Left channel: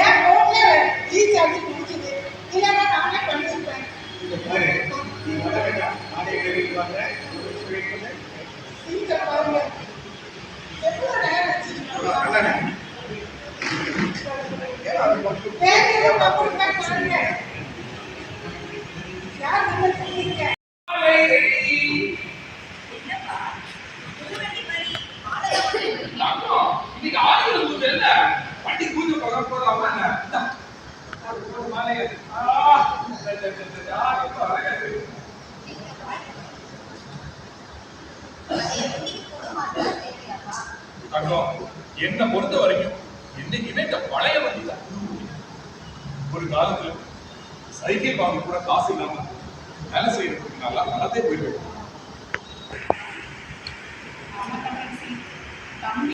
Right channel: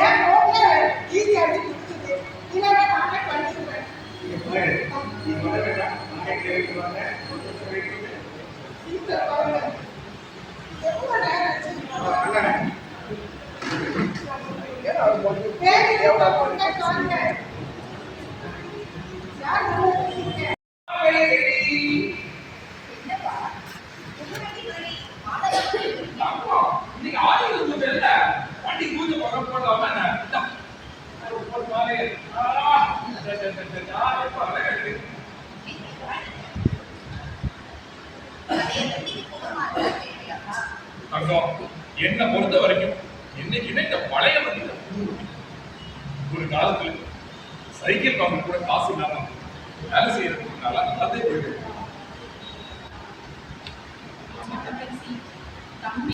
ஏன் போன்ல ரீசார்ஜ் முடிக்குது இல்லைன்னா நானே பண்ணிருப்பேன். நீ வர வேண்டாம், நானே வீட்டுக்கு வரேன். சீக்கிரம் பாருங்க. எவ்வளவு நேரம் வச்சிருக்கோம். பாருங்க யார் இருக்கீங்க? இன்னைக்கு ஆதிகள் பூஜை இல்ல, வண்டி பூஜை பக்கம் போடலாமா என்ன? ஒரு மாலை எப்ப அழகா இருக்கு. தங்கம், என்னை பொறுத்த வரைக்கும் என்னைக்குமே இந்த பழைய வண்டி தான். ஒரு காலத்துல சைக்கிள் வாங்க கூட காசு இல்லாம வேலை செய்யறதுக்கு நல்லா நடந்தே போயிட்டு நான்